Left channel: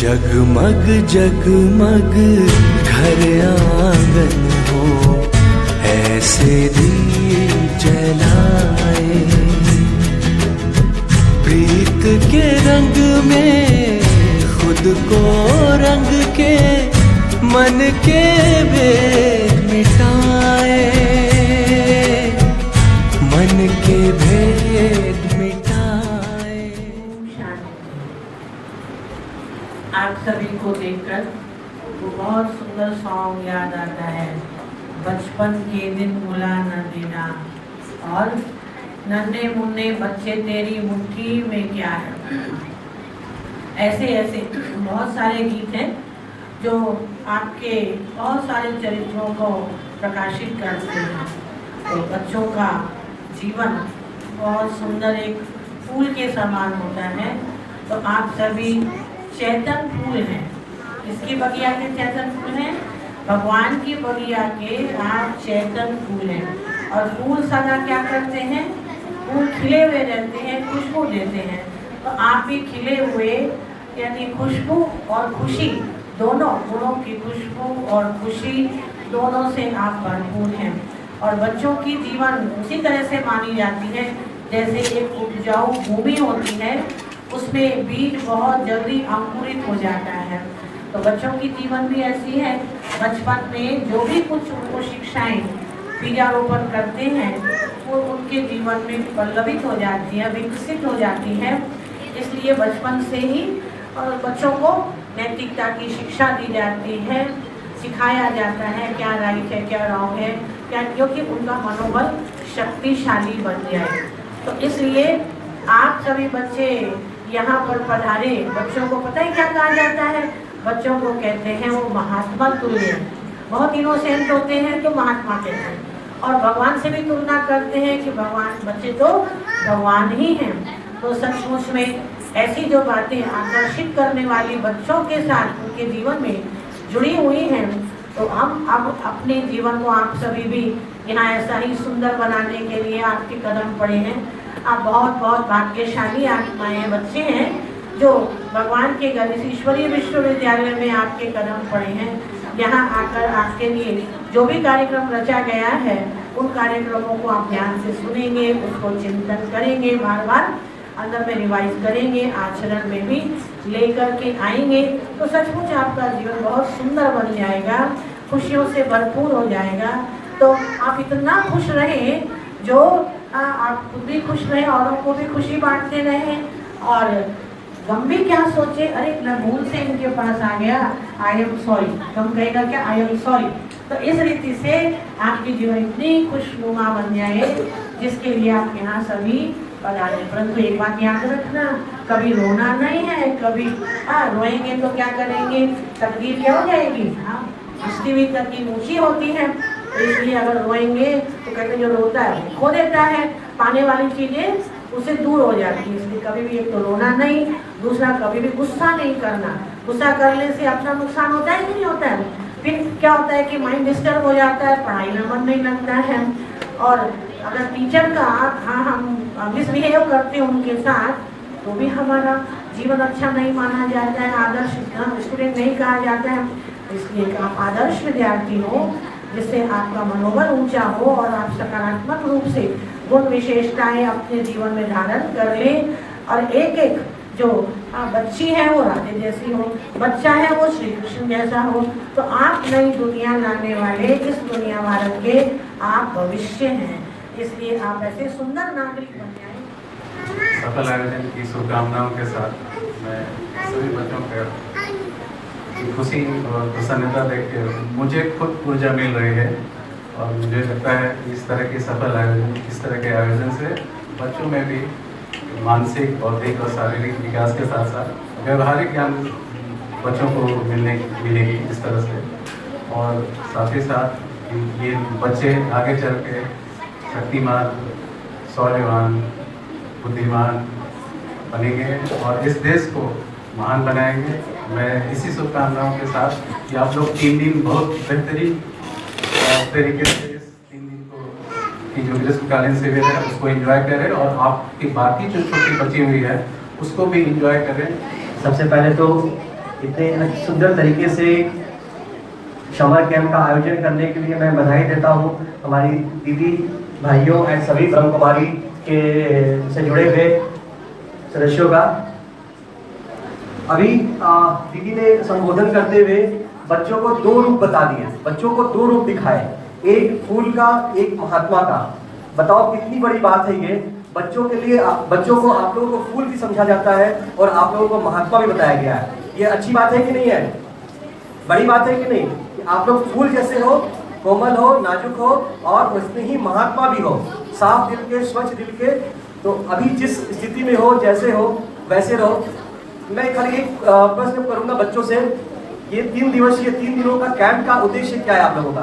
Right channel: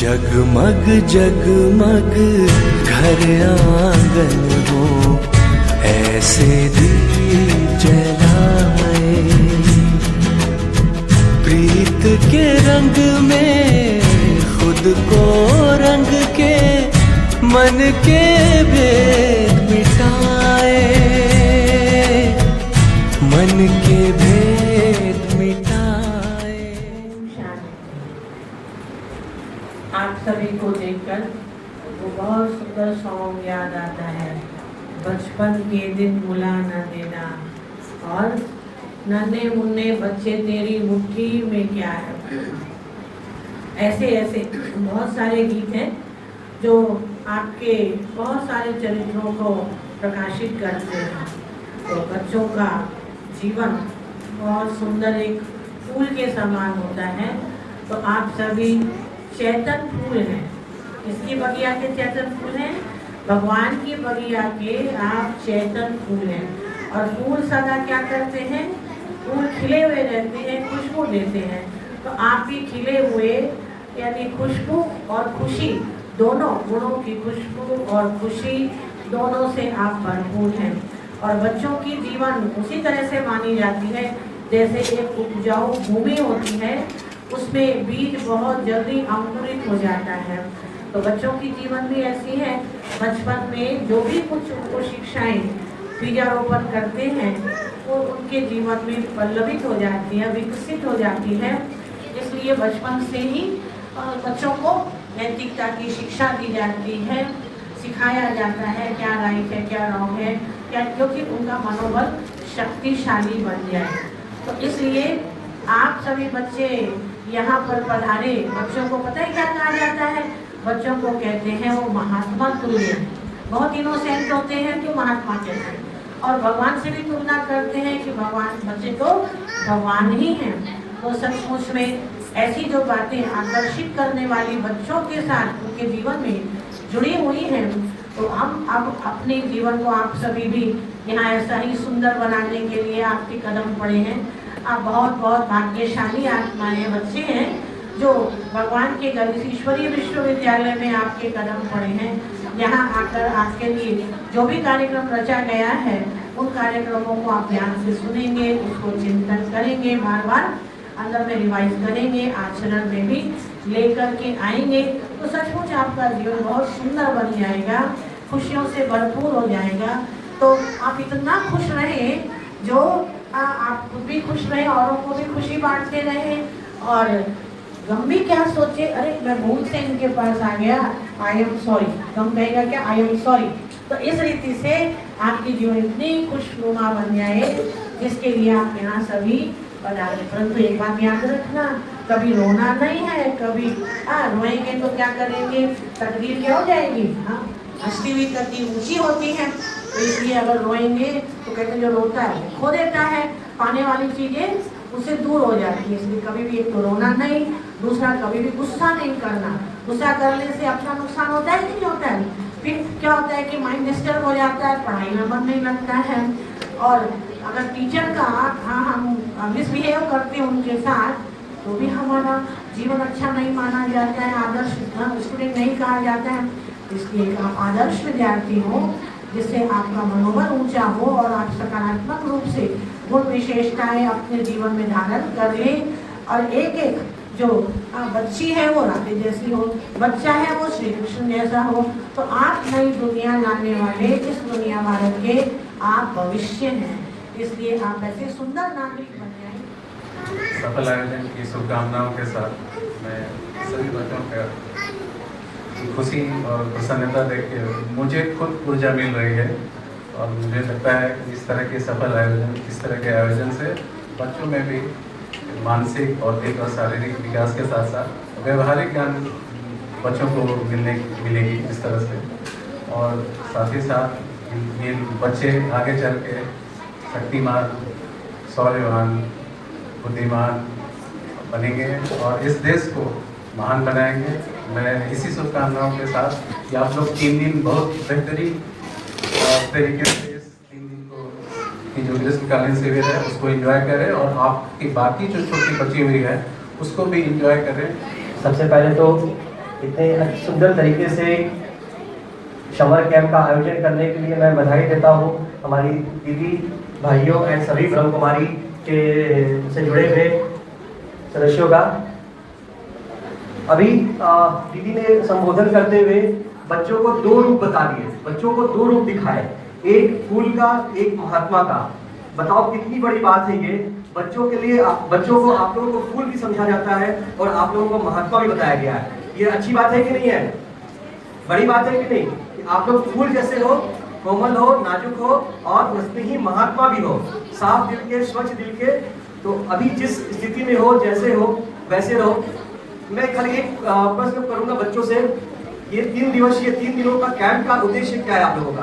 जगमग जगमग घर आंगन हो, ऐसे दीप जलाए, प्रीत के रंग में खुद को रंग के मन के भेद मिटाए, मन के भेद मिटाए। आप सभी को देखकर वो बहुत सुंदर सॉन्ग याद आता है, बचपन के दिन भुला न देना और नन्हे मुन्ने बच्चे तेरी मुट्ठी में क्या है। ऐसे ऐसे बहुत सारे गीत हैं जो आपके बहुत सारे चरित्रों को प्रकाशित करते हैं। तो बच्चों का जीवन बहुत सुंदर एक फूल के समान होता है। तो आप सभी चैतन फूल हैं। किसकी बगिया के चैतन फूल हैं? भगवान की बगिया के आप चैतन फूल हैं। और फूल सदा क्या करते हैं? फूल खिले हुए रहते हैं, खुशबू देते हैं। तो आप भी खिले हुए यानी खुशबू और खुशी दोनों गुणों की खुशबू और खुशी दोनों से आप भरपूर हैं। और बच्चों की जीवन उसी तरह से मानी जाती है जैसे एक उपजाऊ भूमि होती है, उसमें बीज बहुत जल्दी अंकुरित हो जाता है। तो बच्चों की जीवन भी ऐसी है। बचपन में जो भी कुछ उनको शिक्षाएं बीजारोपण करते हैं वो उनके जीवन में पल्लवित हो जाती है, विकसित हो जाती है। इसलिए बचपन से ही बच्चों को नैतिकता की शिक्षा दी जाती है, सिखाया जाता है क्या राइट है क्या रॉन्ग है, क्या, क्योंकि उनका मनोबल शक्तिशाली बन जाए। तो इसलिए आप सभी बच्चे यहाँ पर पधारे। बच्चों को पता है क्या कहा जाता है? बच्चों को कहते हैं वो महात्मा तुल्य, बहुत इनोसेंट होते हैं तो महात्मा कहते हैं। और भगवान से भी तुलना करते हैं कि भगवान, बच्चे तो भगवान ही हैं। तो सचमुच में ऐसी जो बातें आकर्षित करने वाली बच्चों के साथ उनके जीवन में जुड़ी हुई हैं, तो हम अब अपने जीवन को आप सभी भी यहाँ ऐसा ही सुंदर बनाने के लिए आपके कदम पड़े हैं। आप बहुत बहुत भाग्यशाली आत्माएं, बच्चे हैं जो भगवान के घर इस ईश्वरीय विश्वविद्यालय में आपके कदम पड़े हैं। यहाँ आकर आपके लिए जो भी कार्यक्रम रचा गया है उन कार्यक्रमों को आप ध्यान से सुनेंगे, उसको चिंतन करेंगे, बार बार अंदर में रिवाइज करेंगे, आचरण में भी लेकर के आएंगे। तो सचमुच आपका जीवन बहुत सुंदर बन जाएगा, खुशियों से भरपूर हो जाएगा। तो आप इतना खुश रहें जो आप भी खुश रहें, औरों को भी खुशी बांटते रहें। और गम भी क्या सोचे, अरे मैं भूल से इनके पास आ गया, आई एम सॉरी। गम कहेगा क्या? I am sorry. तो इस रीति से आपकी जीवन इतनी खुशनुमा बन जाए जिसके लिए आप यहाँ सभी पधारे। परंतु एक बात याद रखना, कभी रोना नहीं है, कभी रोएंगे तो क्या करेंगे? तकदीर क्या हो जाएगी? हंसती हुई तकदीर ऊंची होती है। तो इसलिए अगर रोएंगे तो कहते हैं जो रोता है खो देता है, पाने वाली चीजें उससे दूर हो जाती है। इसलिए कभी भी एक तो रोना नहीं, दूसरा कभी भी गुस्सा नहीं करना। गुस्सा करने से अपना नुकसान होता है कि नहीं होता है? फिर क्या होता है कि माइंड डिस्टर्ब हो जाता है, पढ़ाई में मन नहीं लगता है। और अगर टीचर का हम मिसबिहेव करते हैं उनके साथ तो भी हमारा जीवन अच्छा नहीं माना जाता है, आदर्श स्टूडेंट नहीं कहा जाता है। इसलिए आप आदर्श विद्यार्थी हो, जिससे आपका मनोबल ऊंचा हो और आप सकारात्मक रूप से गुण विशेषताएं अपने जीवन में धारण कर लें। और एक एक जो बच्ची है वो राधे जैसी हो, बच्चा है वो श्री कृष्ण जैसा हो। तो आप नई दुनिया लाने वाले इस दुनिया भारत के आप भविष्य हैं, इसलिए आप ऐसे सुंदर नागरिक बन जाएं। सफल आयोजन की शुभकामनाओं के साथ मैं सभी बच्चों का खुशी और प्रसन्नता देख के मुझे खुद ऊर्जा मिल रही है। और मुझे लगता है कि इस तरह के सफल आयोजन, इस तरह के आयोजन से बच्चों में भी मानसिक, बौद्धिक और शारीरिक विकास के साथ साथ व्यवहारिक ज्ञान बच्चों को मिलेगी इस तरह से। और साथ ही साथ ये बच्चे आगे चल के शक्तिमान, शौर्यवान, बुद्धिमान बनेंगे और इस देश को महान बनाएंगे। मैं इसी शुभकामनाओं के साथ कि आप लोग 3 दिन बहुत बेहतरीन तरीके से इस 3 दिन को की जो ग्रीष्मकालीन शिविर है उसको एंजॉय करें और आपकी बाकी जो छोटी बची हुई है उसको भी एंजॉय करें। सबसे पहले तो इतने सुंदर तरीके से समर कैंप का आयोजन करने के लिए मैं बधाई देता हूँ हमारी दीदी, भाइयों एंड सभी ब्रह्म कुमारी के से जुड़े हुए सदस्यों का। अभी दीदी ने संबोधन करते हुए बच्चों को 2 रूप बता दिए, बच्चों को 2 रूप दिखाए, एक फूल का, एक महात्मा का। बताओ कितनी बड़ी बात है ये। बच्चों के लिए बच्चों को आप लोगों को फूल भी समझा जाता है और आप लोगों को महात्मा भी बताया गया है। ये अच्छी बात है कि नहीं है? बड़ी बात है कि नहीं? कि आप लोग फूल जैसे हो, कोमल हो, नाजुक हो और उसमें ही महात्मा भी हो, साफ दिल के, स्वच्छ दिल के। तो अभी जिस स्थिति में हो, जैसे हो वैसे रहो। मैं खाली एक प्रश्न करूंगा बच्चों से, ये 3 दिवसीय 3 दिनों का कैंप का उद्देश्य क्या है आप लोगों का?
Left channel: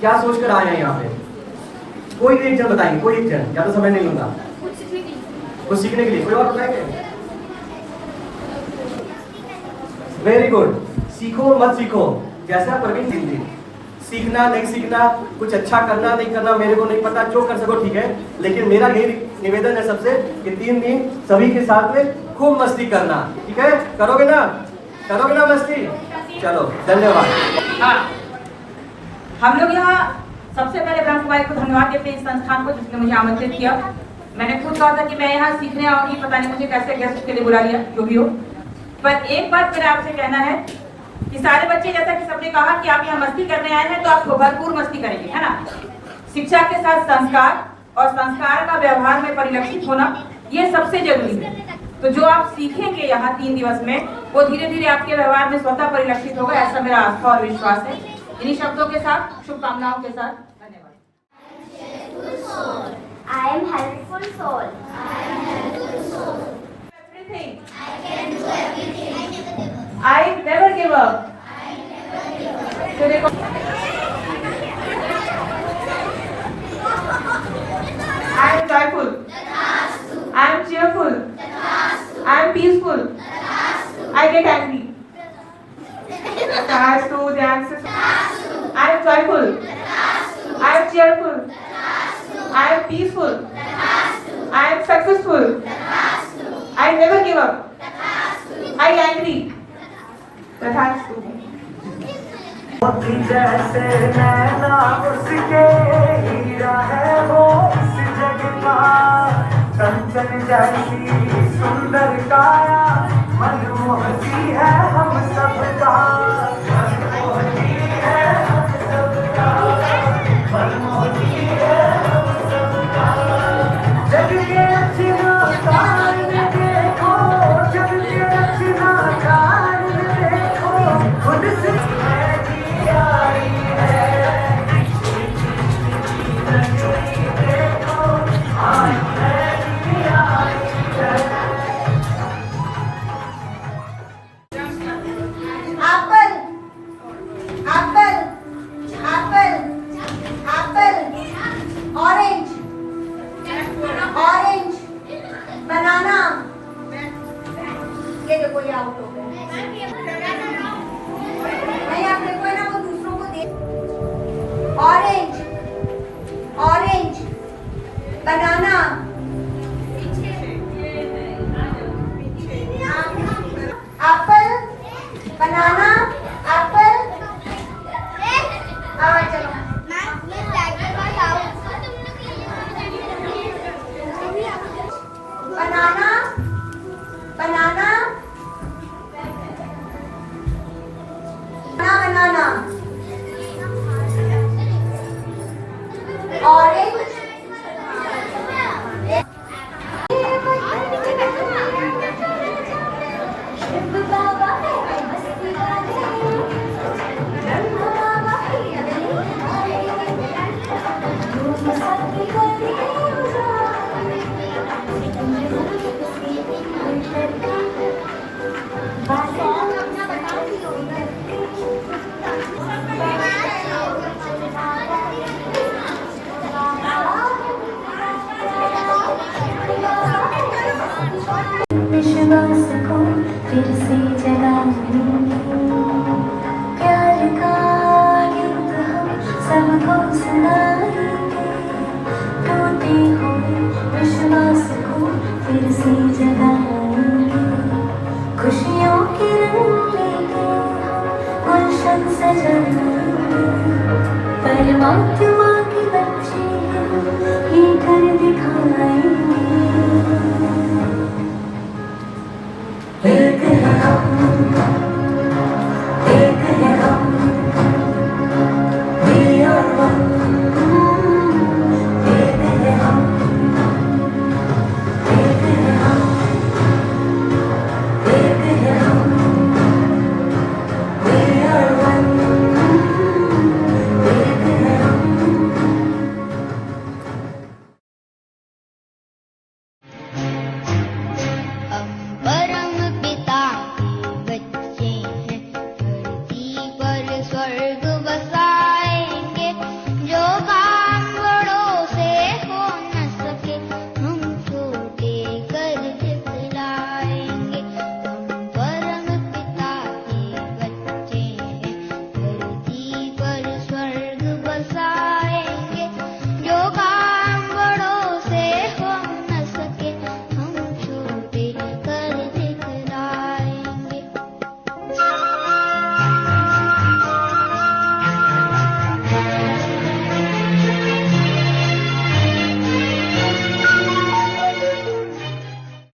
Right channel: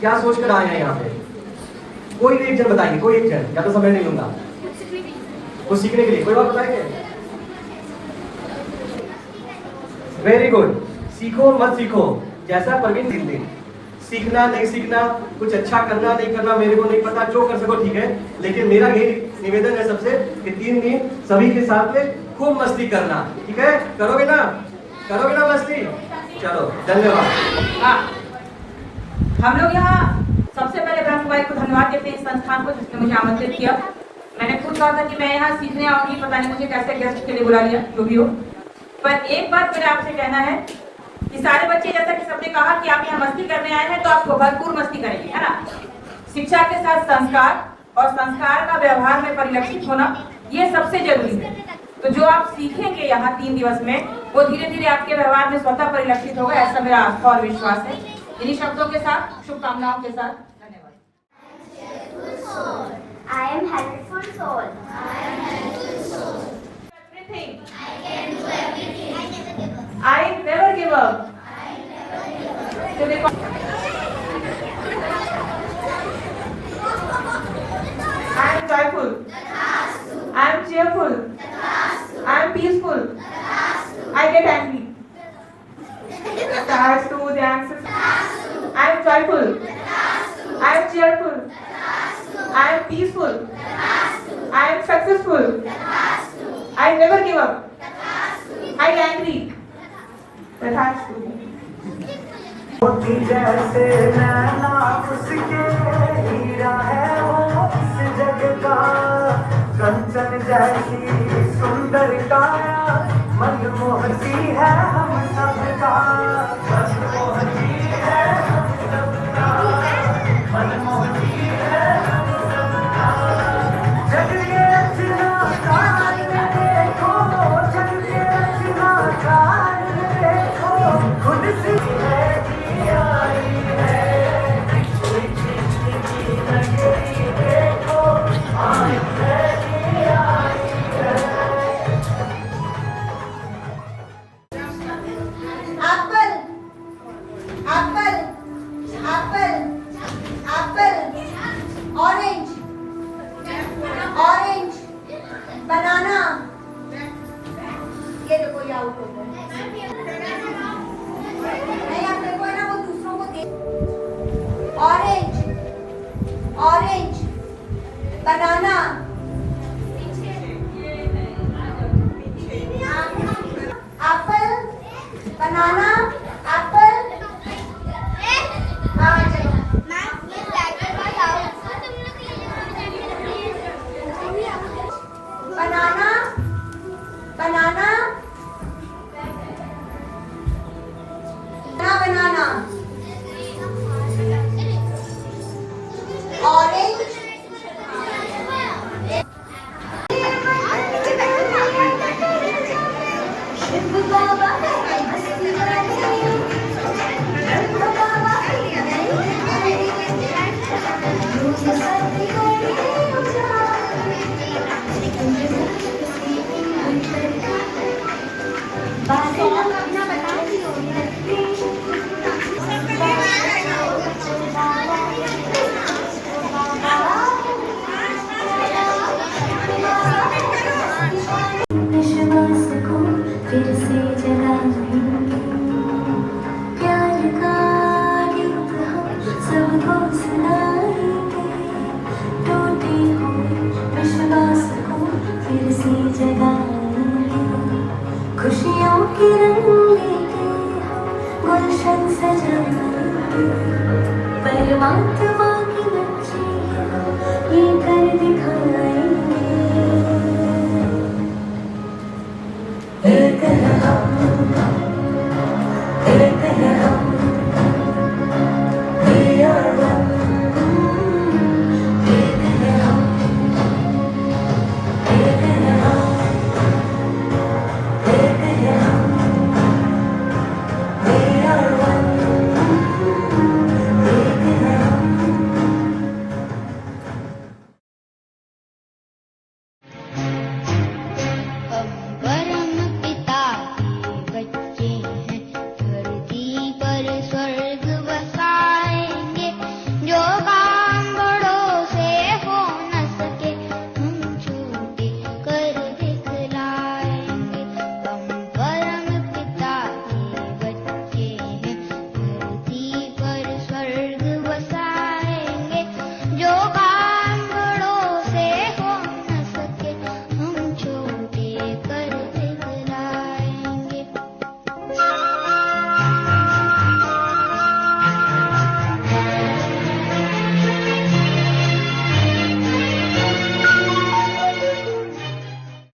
क्या सोचकर आए हैं यहाँ पे? कोई एक जन बताइए, कोई एक जन, या तो समय नहीं लूंगा। कुछ सीखने के लिए कोई और बताएंगे? Very good. सीखो मत सीखो, जैसा प्रवीण दिन सीखना नहीं सीखना, कुछ अच्छा करना नहीं करना मेरे को नहीं पता, जो कर सको ठीक है। लेकिन मेरा यही निवेदन है सबसे कि 3 दिन सभी के साथ में खूब मस्ती करना, ठीक है? करोगे ना? करोगे ना मस्ती? चलो, धन्यवाद। हम लोग यहाँ सबसे पहले ब्रह्म कुमारी को धन्यवाद देते हैं इस संस्थान को जिसने मुझे आमंत्रित किया। मैंने खुद कहा था कि मैं यहाँ सीखने आऊंगी, पता नहीं मुझे कैसे गेस्ट के लिए बुला लिया, जो भी हो। पर एक बात मेरा आपसे कहना है कि सारे बच्चे, जैसा कि सबने कहा कि आप यहाँ मस्ती करने आए हैं, तो आप भरपूर मस्ती करेंगे, है ना? शिक्षा के साथ संस्कार और संस्कार का व्यवहार में परिलक्षित होना, ये सबसे जरूरी है। तो जो आप सीखेंगे यहाँ 3 दिवस में, वो धीरे धीरे आपके व्यवहार में स्वतः परिलक्षित होगा, ऐसा मेरा आस्था और विश्वास है। इन्हीं शब्दों के साथ, शुभकामनाओं के साथ, धन्यवाद। I am helpful soul. Everything. I can do everything. I never give up. तो देखो, I am joyful. I am cheerful. I am peaceful. I get angry. Stars to dance. I am joyful. I am cheerful. I am peaceful. I am successful. I never give up. I angry. तथास्तु। जैसे नैना उसके हीरा है वो इस जग का, कंचन जैसी सुंदर काया मनमोहती है